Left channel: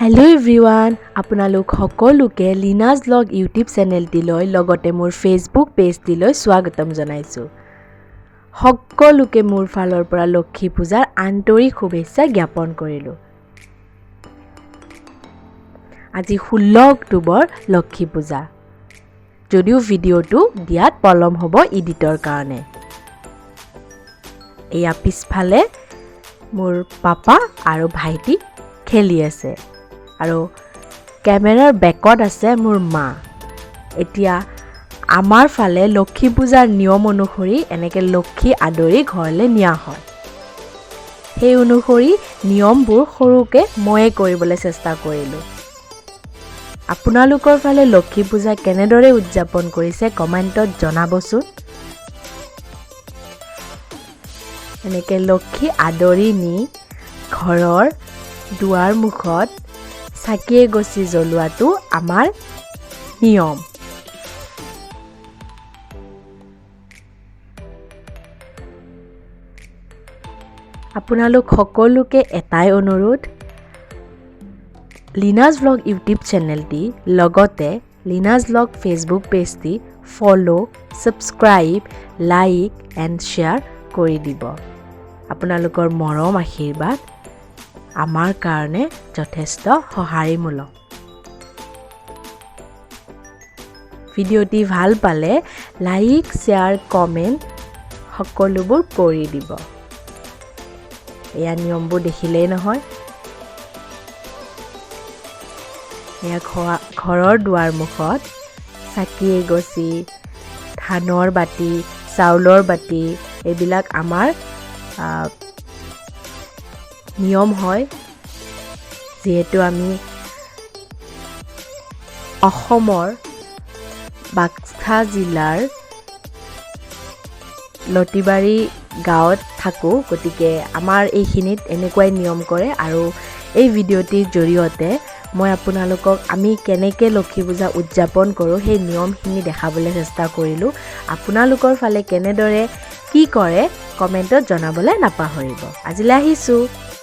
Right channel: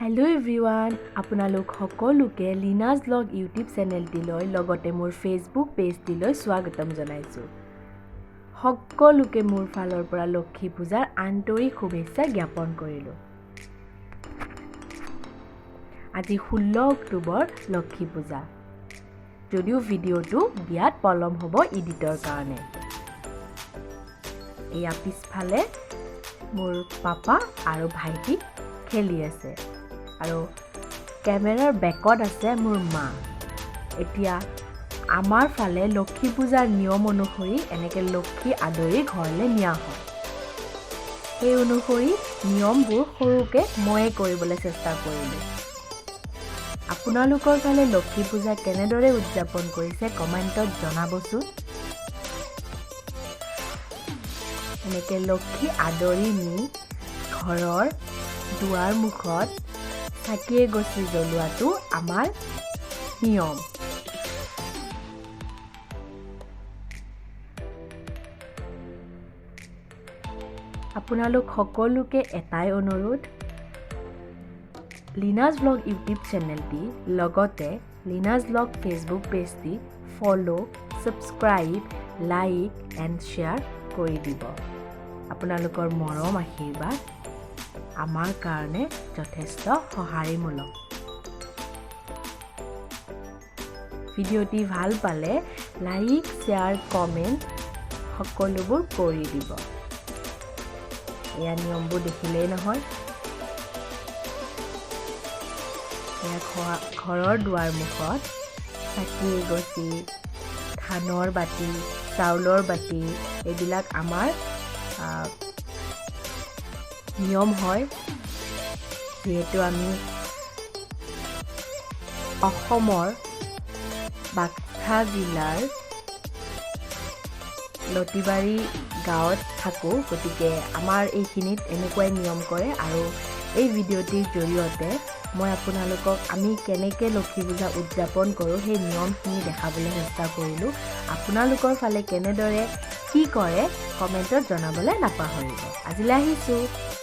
Hello' everyone, আপোনালোক সকলোকে লিনাজ blog YouTube চেনেলটিলৈ লগতে মোৰ ফেচবুক পেজটিলৈ স্বাগতম জনাইছোঁ। সকলোকে মোৰ ফালৰ পৰা লক্ষী পূজাৰ আন্তৰিক শুভেচ্ছা জ্ঞাপন কৰিলোঁ। আজি 16 অক্টোবৰ লক্ষী পূজা, যদিও ভিডিঅ'টো দিয়াত পলম হ'ব ইডিটৰ কাৰণে। এয়া পিছফালে মোৰ পাপা আৰু ভাইটি খেলি আছে আৰু কেমেৰাৰ বেকত আছে মোৰ মা। এতিয়া আমাৰ ফালে লক্ষী পূজাৰ নিয়ম অনুসৰি এনেকৈ লক্ষী আদৰি ঘৰলৈ নিয়া হয়। সেই অনুসৰি নিয়মবোৰ সৰুকৈ ময়ে কৰিবলৈ চেষ্টা কৰিলোঁ। আপোনালোকৰ ফালে লক্ষী পূজা কেনেদৰে উদযাপন কৰিছে কমেণ্টত জনাবচোন। এনেকৈ লক্ষী আদৰি নি ঘৰৰ দুৱাৰ মুখত চাকি এগছি জ্বলোৱাটো আমাৰ নিয়ম। আপোনালোক সকলোকে এটাই অনুৰোধ, লিনাজ ব্লগ ইউটিউব চেনেলটি লগতে লিনাজ ব্লগ ফেচবুক পেজটি follow', subscribe, like and share কৰি দিব। আপোনালোকৰ মৰম আশীৰ্বাদ আমাৰ কাৰণে যথেষ্ট সঁহাৰিমূলক। ভিডিঅ'টি ভাল পালে লাইক, শ্বেয়াৰ, কমেণ্ট সকলোবোৰ কৰি দিব। এয়া নিয়মবোৰ দেখিলেই নহয়। এয়া ঘৰৰ দুৱাৰ মুখত চাকি এগছি, ধানৰ বাতি, চাউলৰ বাতি, এইবিলাক আমাৰ নিয়ম হয়। যিহেতু আমি অসমৰ বাক্সা জিলাৰ লতিবাৰী গাঁৱত থাকোঁ, গতিকে আমাৰ এইখিনিত এনেকুৱাই নিয়ম কৰে। আৰু এই ভিডিঅ'টিৰ জৰিয়তে মই আপোনালোকক আমি কেনেকৈ লক্ষী পূজা উদযাপন কৰোঁ সেই নিয়মখিনি দেখাবলৈ চেষ্টা কৰিলোঁ। আপোনালোকৰ ফালে কেনেদৰে কি কৰে কমেণ্টত জনাবলৈ নাপাহৰিব। আজিলৈ আহিছোঁ।